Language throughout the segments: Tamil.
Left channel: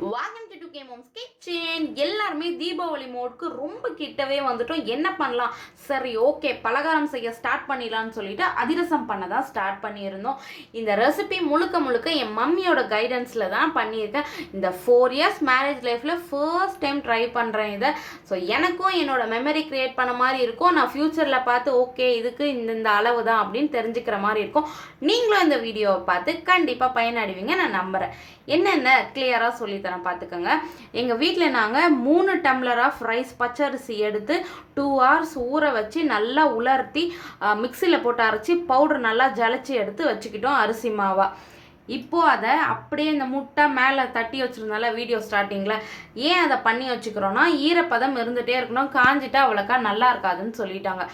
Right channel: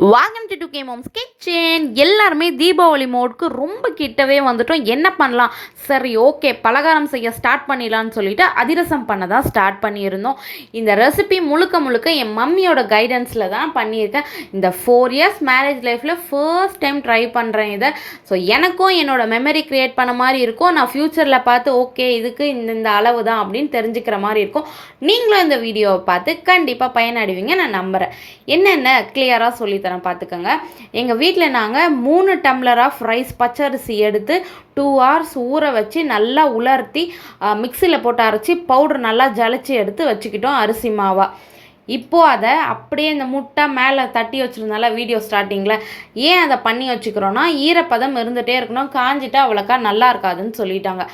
வாங்கன் டு கே மோம்ஸ் கிச்சன். எல்லாருமே தீபாவளி மோடுக்கு ரொம்ப கிட்டவே வந்துட்டோம். என்ன பண்ணலாம், சரி ஓகே பலகாரம் செய்ய ஸ்டார்ட் பண்ணிடலான்னு சொல்லிட்டு அதிரசம் பண்ண தான் ஸ்டார்ட் பண்ணியிருந்தோம். இந்த ரெசிபி முழுக்க முழுக்க என் மம்மியோட கைடன்ஸில் தான் பண்ணியிருக்கேன். இந்த 4 இயர்ஸ் மேரேஜ் லைஃப்பில் ஃபர்ஸ்ட் டைம் ட்ரை பண்ணுறேன் இதை. ஸோ எனக்கும் என்னோட மெமரி க்ரியேட் பண்ண மாதிரி இருக்கும். நான் ஃப்யூச்சரில் பார்த்து ஓகே இதுக்கு இந்த அளவு தான் அப்படின்னு தெரிஞ்சுக்கிற மாதிரி இருக்கும். நீங்களும் இந்த வீடியோவை பார்த்து கண்டிப்பாக பயனடைவீங்க நான் நம்புகிறேன். என்னென்ன கிளியராக சொல்லித்தரேன் பார்த்துக்கோங்க. எங்கள் வீட்டில் நாங்கள் 3 டம்ளர் ஆஃப் ரைஸ் பச்சரிசி எடுத்து 2 hours ஊற வச்சு நல்லா உலர்த்தி மிக்சியில் போட்டு அரைச்சி பவுடர் நல்லா ஜலிச்சு எடுத்து வச்சுக்கிட்டோம் அரிசி மாவா. இப்போது அதை அப்படியே இந்த முட்டை மேலே தட்டி வச்சுருந்தால வீடியோ ஸ்டார்டிங்கில் ஏன் அதை பண்ணி வச்சுக்கிறோன்னா ஈரப்பதம் இருந்துகிட்டே இருக்கணும், காஞ்சிட்டா அவ்வளோக்கா நல்லா இருக்காதுன்னு சொல்லிட்டாங்க.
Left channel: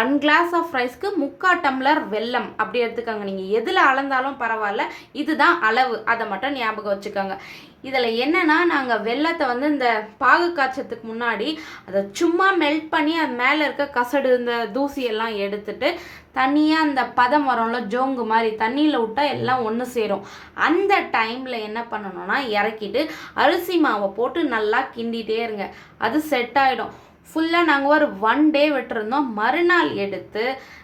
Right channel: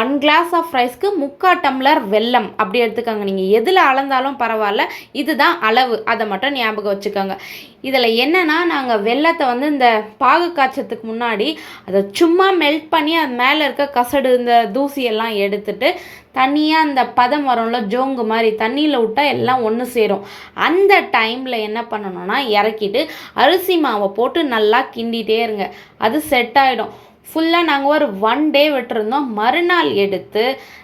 1 glass ஆஃப் ரைஸ்க்கு 3/4 டம்ளர் வெல்லம் அப்படி எடுத்துக்கோங்க. நீங்கள் எதில் அளந்தாலும் பரவாயில்ல, இதுதான் அளவு, அதை மட்டும் ஞாபகம் வச்சுக்கோங்க. இதில் என்னென்னா நாங்கள் வெல்லத்தை வந்து இந்த பாகு காய்ச்சத்துக்கு முன்னாடி அதை சும்மா மெல்ட் பண்ணி அது மேலே இருக்க கசடு இந்த தூசியெல்லாம் எடுத்துட்டு தனியாக அந்த பதம் வரும்ல ஜோங்கு மாதிரி தண்ணியில் விட்டால் எல்லாம் ஒன்று சேரும். அந்த டைமில் என்ன பண்ணணும்னா இறக்கிட்டு அரிசி மாவை போட்டு நல்லா கிண்டிகிட்டே இருங்க, அது செட் ஆகிடும். ஃபுல்லாக நாங்கள் ஒரு 1 day விட்டுருந்தோம். மறுநாள் எடுத்து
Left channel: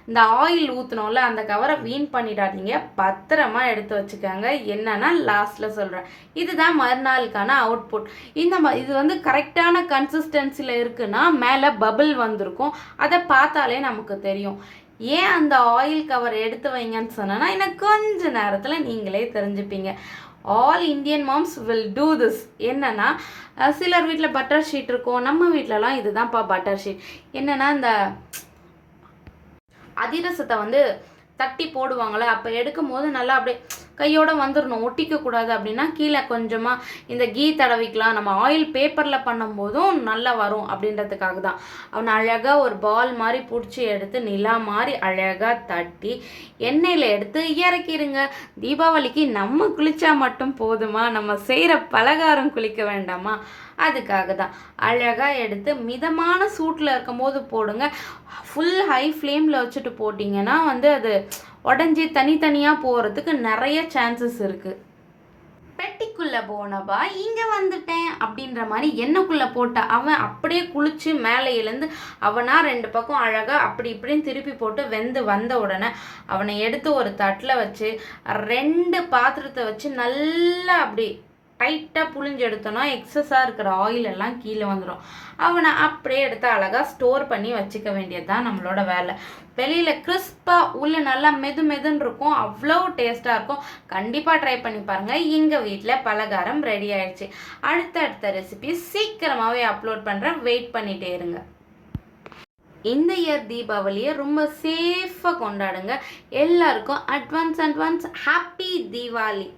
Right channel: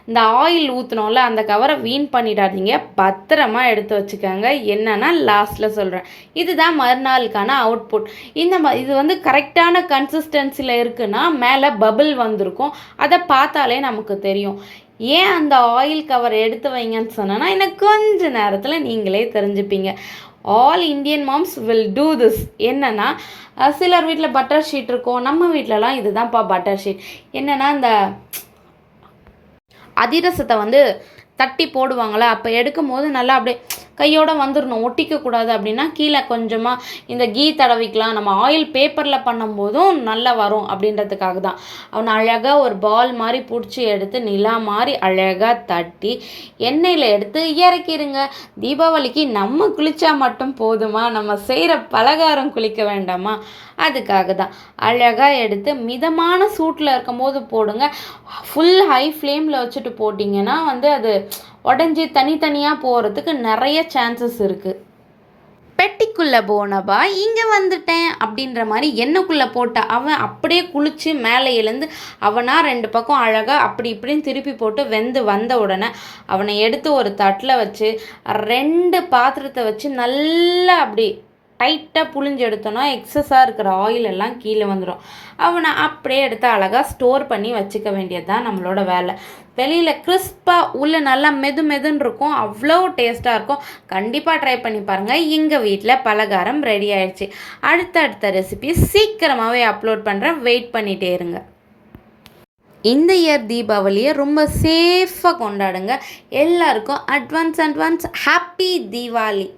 இந்த ஆயில் ஊற்றினோம்ல அந்த கவரை வீண் பண்ணிடாதீங்க, பத்திரமா எடுத்து வச்சுக்கோங்க. என்னென்னா லாஸ்ட்டில் சொல்கிறேன். இதுதான் மறுநாளுக்கான அவுட்புட். இது வந்து கரெக்டான கன்சிஸ்டன்சியில் இருக்குன்னா மேலே பபிள் வந்திருக்கும், அதை பார்த்தாலே நமக்கு தெரியும். ஏன் அந்த ஆயில் கவர் எடுத்து வைங்கன்னு சொன்னேன்னா எனக்கு கொஞ்ச நேரத்தில் நீங்களே தெரிஞ்சுப்பீங்க. All Indian moms will do this. என்னென்னா சிலர் வீட்டில் பட்டர் ஷீட் இருக்கும், நம்ம வீட்டிலலாம் இதுதான்ப்பா பட்டர் ஷீட். என்னென்னா இந்த அதிரசத்தை வந்து தட்டி போடுவாங்களே அப்போ எடுக்கும் போது நல்லா அப்படியே கையோடு வந்துடணும், ஒட்டிக்கக்கூடாது. அப்படின்னா கீழே கொஞ்சமாக இந்த கீ தடவிக்கலாம். நம்ம ஆயில் பேப்பரில் பண்ணும்போதும் நல்லா வரும் அப்படின்றதுக்காக தான். அவனை அழகாக ஒரு பால் மாதிரி பிடிச்சி எடுத்து நிலா மாதிரி அழகாக தட்டி எண்ணெயில் எடுத்து இறக்கிடுங்க. தீபாவளிக்கு நம்ம குளித்தா மட்டும் போதுமா, நம்ம செய்கிற பலகாரம் குளிக்க வேண்டாமா? அதுக்காக தான் அழகாக எடுத்து மிதமான சூட்டில் இருக்கும்போது போடுங்க. ஃபுல் ஹை ஃப்ளேமில் வச்சுட்டு போட்டிங்கன்னா வந்து அது உடஞ்சி தனித்தனியாக போகிறதுக்கு நிறைய சான்சஸ் இருக்குது. பெட்டிக்குள்ளே போனப்பா இங்கே வந்துட்டேன் அப்படின்ற மாதிரி எண்ணெய்க்குள்ளே போட்ட அவன் அப்படியே குளித்து மேலே எழுந்து அவனாக 2 பக்கம் அழகாக அப்படி இப்படின்னு திருப்பி போட்டு வெந்து வந்த உடனே அவனை எடுத்து ஒரு தட்டில் வச்சு 2 பாத்திரத்தை வச்சு நல்லா அப்படி டைட்டாக புழிஞ்சு எடுத்தோன்னா எக்ஸஸாக இருக்கிற ஆயில் எல்லாம் கீழே வந்துடும். அவனை அப்படியே எடுத்து அழகாக ஸ்டோர் பண்ணி வச்சுக்க வேண்டியது தான் நம்மளோட வேலை. வெளியில் கிறிஸ்பாக உள்ள நல்லா மெதுன்னு இருக்கும், அவ்வளோ டேஸ்ட்டாக இருக்கும். கண்டிப்பாக ட்ரை பண்ணி பாருங்கள். எங்கள் வீட்டில் பலகாரம் ரெடி ஆயிடுச்சு. அடுத்த ரெசிபி சீக்கிரமாகவே அப்லோட் பண்ணுறேன், வெயிட் பண்ணிகிட்டே இருங்க. இந்த இயர் தீபாவளியை ரொம்ப சேஃபாக கொண்டாடுங்க. எல்லாருக்கும் அட்வான்ஸ் ஹாப்பி தீபாவளி.